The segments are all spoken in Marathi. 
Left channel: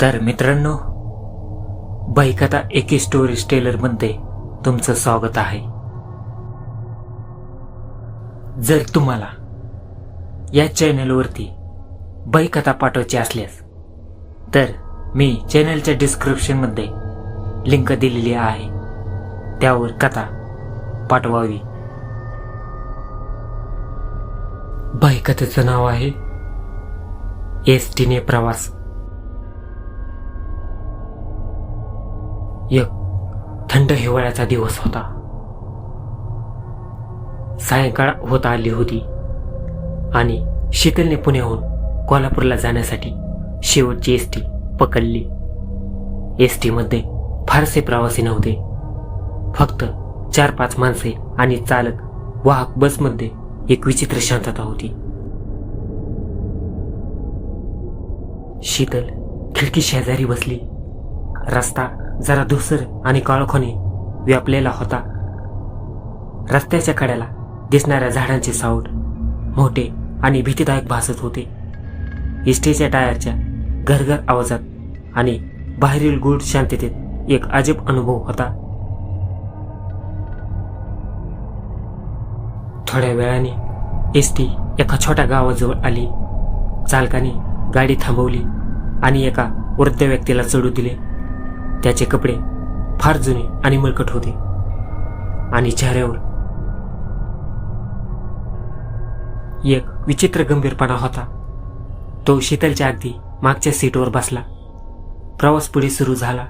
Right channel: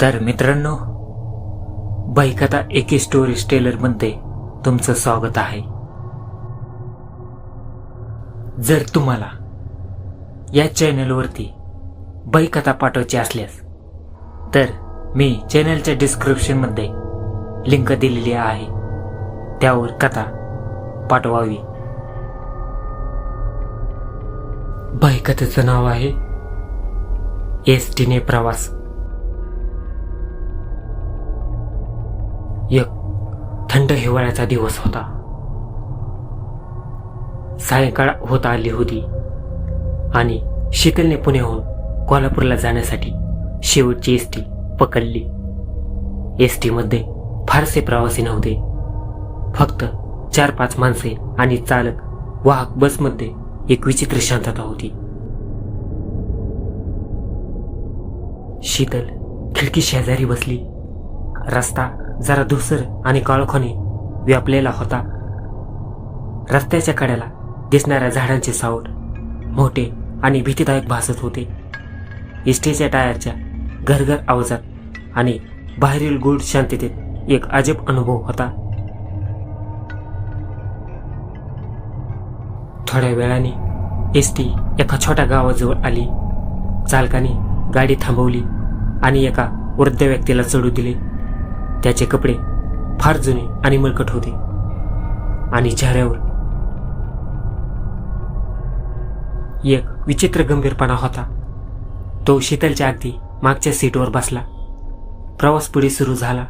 तर मित्रांनो बाईकथा एके स्टोरीज टेलरमध्ये तुमचं स्वागत आहे. जर तुम्हाला या चॅनलवरती बाईकथा पाठवायची असल्यास तर मी चॅनलच्या डिस्क्रिप्शनमध्ये लिंक दिलेली आहे. त्यावर कथा पाठवावी. बाईकथेचं नाव आहे एस टीने प्रवास. एक थंड हिवाळ्याचा दिवस होता. सायंकाळ होत आली होती आणि शीतलने पुण्याहून कोल्हापूरला जाण्यासाठी शेवटची एस टी पकडली. एस टीमध्ये फारसे प्रवासी नव्हते. फक्त चार पाच माणसे आणि चालक वाहक बसमध्ये एक विचित्र शांतता होती. शीतल खिडकी शेजारी बसली. रस्ता जरा धुसर आणि काळोखाने व्यापलेला होता. रस्त्याच्या कड्याला दिसणाऱ्या झाडांचे सावट मोठे आणि भीतीदायक भासत होते. इस्टेच्या टायरच्या घरघर आवाजात आणि बाहेरील गूढ शांततेत एक अजब अनुभव होता. थोड्या वेळाने एस टी एका छोट्या गावाजवळ आली. चालकाने गाडी थांबवली आणि एका वृद्ध व्यक्तीला चढू दिले. त्याचे कपडे फार जुने आणि मळकट होते. आणि चेहऱ्यावर एक विचित्र गंभीरपणा होता. तो शीतलच्या अगदी मागच्या सीटवर बसला. प्रवास पुढे सुरू झाला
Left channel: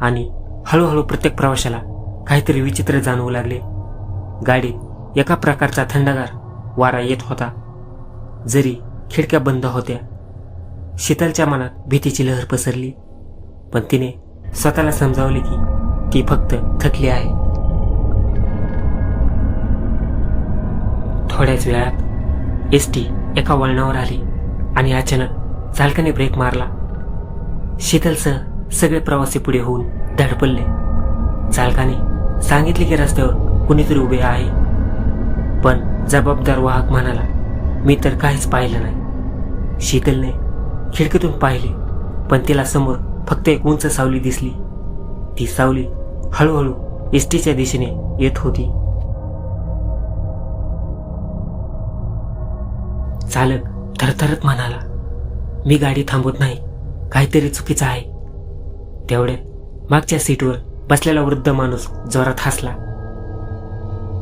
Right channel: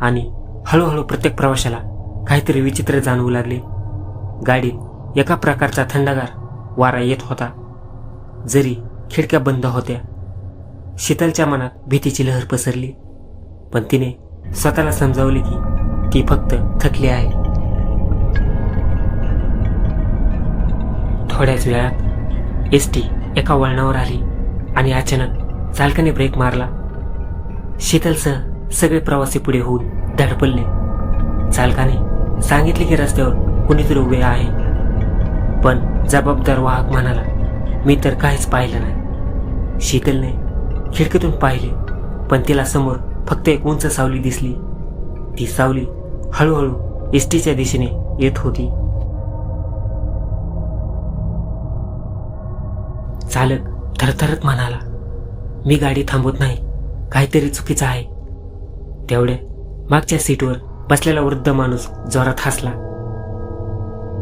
आणि हळूहळू प्रत्येक प्रवाशाला काहीतरी विचित्र जाणवू लागले. गाडीत एका प्रकारचा थंडगार वारा येत होता. जरी खिडक्या बंद होत्या शीतलच्या मनात भीतीची लहर पसरली पण तिने स्वतःला समजावले की ती फक्त थकली आहे. थोड्याच वेळात एस टी एका वळणावर आली आणि अचानक चालकाने ब्रेक मारला. शीतलसह सगळे प्रवासी पुढे होऊन धडपडले. चालकाने सांगितले की रस्त्यावर कुणीतरी उभे आहे. पण जबाबदार वाहक म्हणाला मी तर काहीच पाहिलं नाही. शीतलने खिडकीतून पाहिले पण तिला समोर फक्त एक उंच सावली दिसली. ती सावली हळूहळू एसटीच्या दिशेने येत होती. चालक थरथरत म्हणाला मी गाडी थांबवत नाही. काहीतरी चुकीचं आहे. तेवढ्यात मागच्या सीटवर बसलेला वृद्ध माणूस जोरात हसला.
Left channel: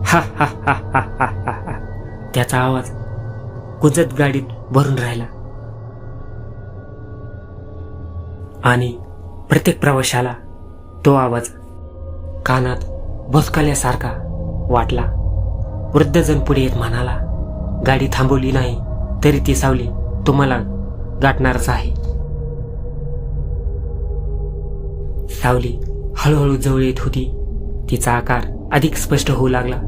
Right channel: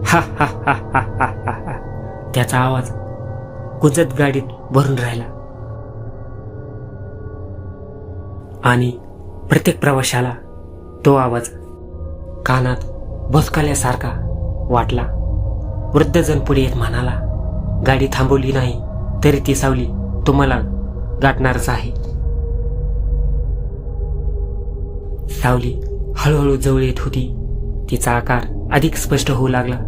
हा हा हा हा हा हा हा. त्याचा आवाज गुंजत गाडीत भरून राहिला. आणि प्रत्येक प्रवाशाला तो आवाज कानात भोसकाल्यासारखा वाटला. वृद्धजण पुढे येत म्हणाला गाडी थांबवली नाही तरी ती सावली तुम्हाला गाठणारच आहे. सावली हळूहळू जवळ येत होती. तिचा आकार अधिक स्पष्ट होऊ लागला.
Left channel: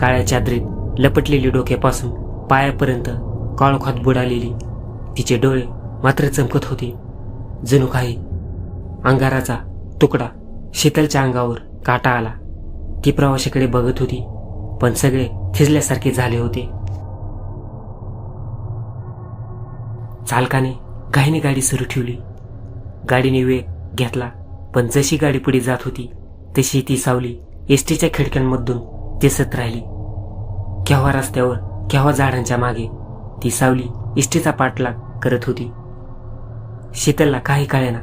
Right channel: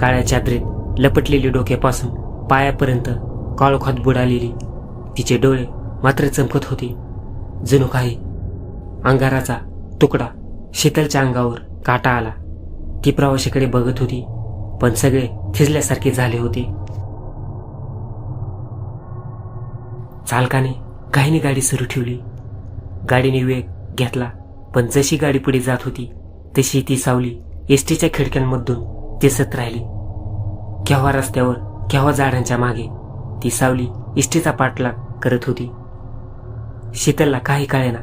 काळ्या चादरीत लपटलेली डोक्यापासून पायापर्यंत काळोखात बुडालेली तिचे डोळे मात्र चमकत होते. जणू काही अंगाराचा तुकडा शीतलच्या अंगावर काटा आला. ती प्रवाशाकडे बघत होती पण सगळे थिजल्यासारखे झाले होते. चालकाने घाईने गाडी सुरू ठेवली. गाडीने वेग घेतला पण जशी गाडी पुढे जात होती तशी ती सावली एसटीच्या खिडक्यांमधून दिसत राहिली. केव्हा रस्त्यावर केव्हा झाडांच्या मागे ती सावली एसटीचा पाठलाग करत होती. शीतलला काही कळेना.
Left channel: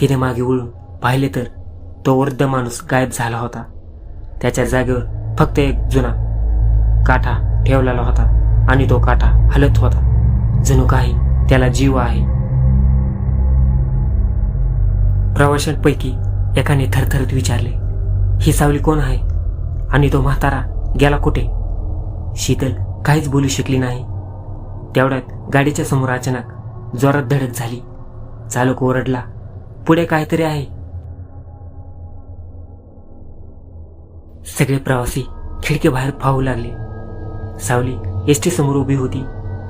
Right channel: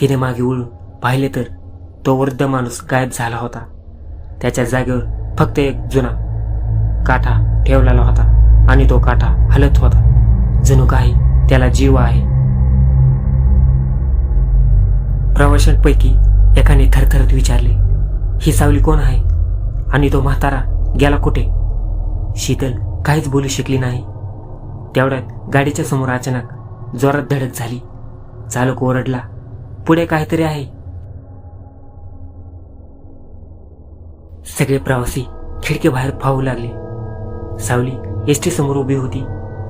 तिने मागे वळून पाहिले तर तो वृद्ध माणूस गायब झाला होता. त्याच्या जागेवर फक्त एक जुना काठा ठेवलेला होता आणि तो काठा हलत होता. जणू काही त्याला जीव आहे. प्रवाशांपैकी एकाने थरथरत विचारले ही सावली कोण आहे? आणि तो म्हातारा गेला कुठे? शीतल काहीच बोलू शकली नाही. तेवढ्यात गाडीच्या समोर अचानक जोरात धडक झाली. चालक ओरडला. पुढे काहीतरी आहे. सगळे प्रवासी खिडकीबाहेर पाहू लागले. सावली एसटी समोर उभी होती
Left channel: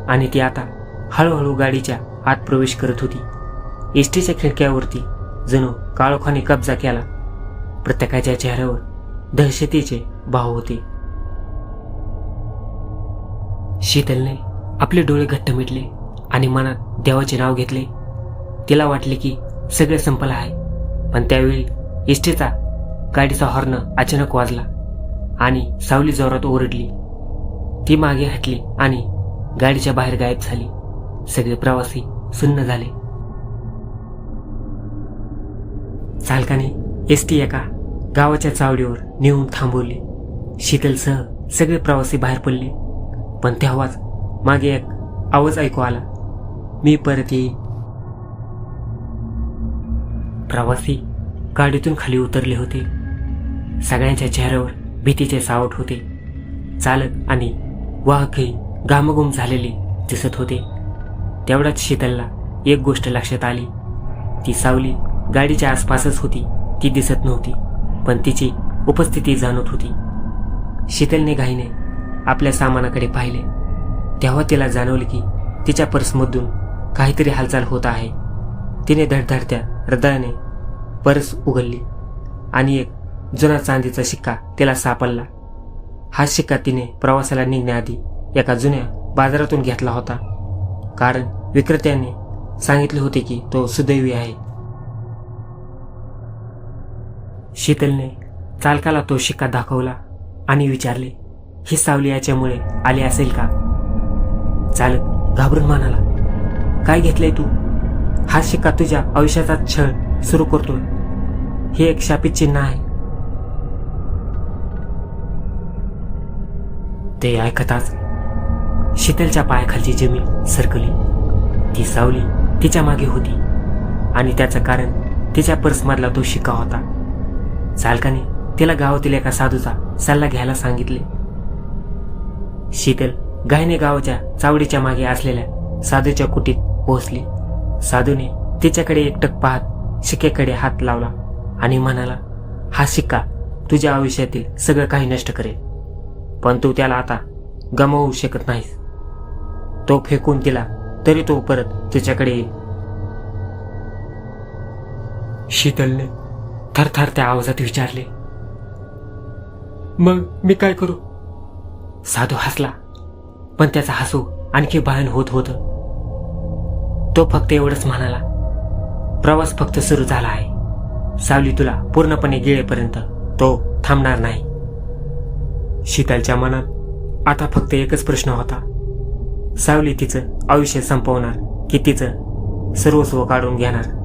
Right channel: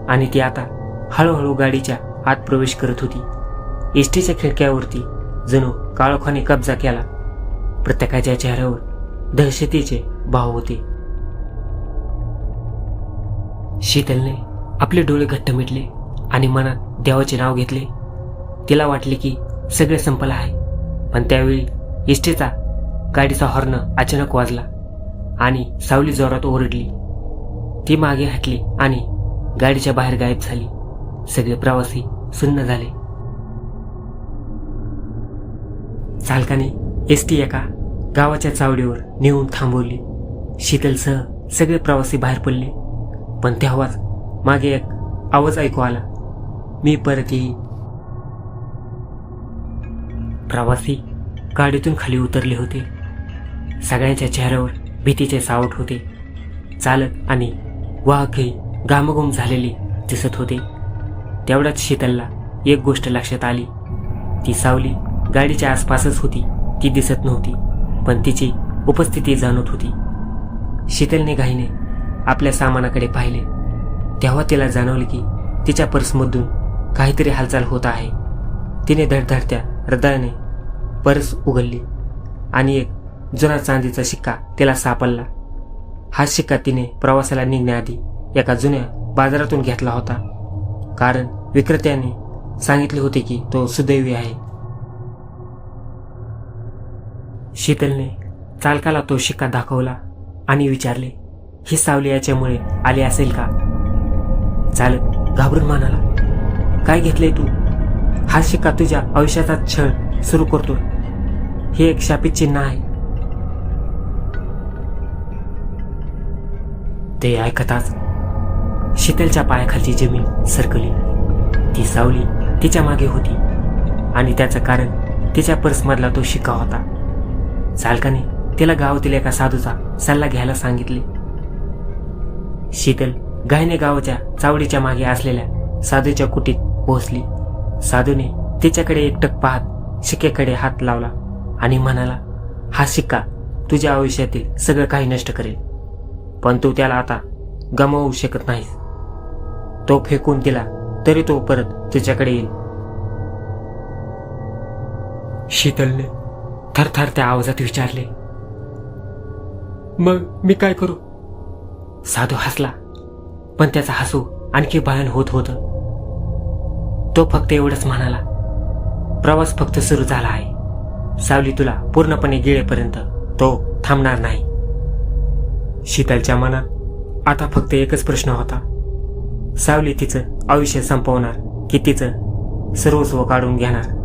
आणि ती आता हळूहळू गाडीच्या आत प्रवेश करत होती. एसटीच्या खिडक्यावरती जणू काळोखाने कब्जा केला. प्रत्येकाच्या चेहऱ्यावर दहशतीचे भाव होते. शीतलने आपले डोळे घट्ट मिटले आणि मनात देवाचे नाव घेतले. तिला वाटले की सगळं संपलं आहे. पण त्यावेळी एसटीचा गाडीचा हॉर्न अचानक वाजला आणि सावली जोरात ओरडली. ती मागे हटली आणि गाडीच्या बाहेर गायब झाली. सगळे प्रवासी सुन्न झाले. चालकाने एस टी एका गावाच्या चावडीवर नेऊन थांबवली. शीतलसह सगळे प्रवासी बाहेर पडले. पण तेव्हाच मागे एक आवाज ऐकू आला. मी परत येईन. प्रवासी गाडीतून खाली उतरले होते. सगळ्यांच्या चेहऱ्यावर भीतीचे सावट होते. चालक आणि वाहकही घामघुम झालेले दिसत होते. तेवढ्याच शीतलला एक गोष्ट लक्षात आली. ती सावली गाडीच्या आसपासच होती. ती दिसत नव्हती पण तिची उपस्थिती जाणवत होती. शीतलने घाईने आपल्या सामानाकडे पाहिले. तेव्हा तिला जाणवले की तिच्या पर्समधून काहीतरी हालचाल होत आहे. तिने धडधडत्या हृदयाने परस उघडली आणि एक जुना चांदीचा शिक्का तिला सापडला. हा शिक्का तिने प्रवासाला निघण्याआधी एका जुन्या बाजारातून घेतला होता. कारण विक्रेत्याने सांगितले होते की तो सुदैवी आहे. शीतलने चालकाला तो शिक्का दाखवला आणि विचारले ही सावली याच्यामुळे आली असेल का? चालक घाबरून म्हणाला काय घेतलंय तू? हा शिक्का तुझ्या आयुष्याचा छळ सुरू करतोय. हे एक शापित चिन्ह आहे. ते ऐकताच शीतलच्या पायाखालची जमीन सरकली. ती सावली तिच्यामागे होती. आणि त्याचं कारण तिच्या पर्समधला तो शिक्का होता. चालकाने तिला गावातील एका साधूचा सल्ला घ्यायला सांगितले. शीतल गायने गावाच्या चावडीच्या मागे असलेल्या साधूच्या कुटीत पोहोचली. साधूने तिच्याकडे एकटक पाहत शिक्क्याकडे हात लावला आणि म्हणाला हा शिक्का तुझ्या आयुष्यातील सगळं काही नष्ट करेल. पण तू त्याला आता गमावू शकत नाहीस. तो फेकून दिला तरी तो परत तिच्याकडे येईल. शीतलने थरथर त्या आवाजात विचारले मग मी काय करू? साधू हसला पण त्याचा हसू आणखी भयान होत होतं. तो फक्त एवढंच म्हणाला प्रवास फक्त सुरू झाला आहे. सावली तुला पूर्णपणे गिळेपर्यंत तो थांबणार नाही. शीतलच्या मनात आता फक्त एकच प्रश्न होता. सावली तिचं आयुष्य संपवणार की तिचं सर्वस्व काढून घेणार?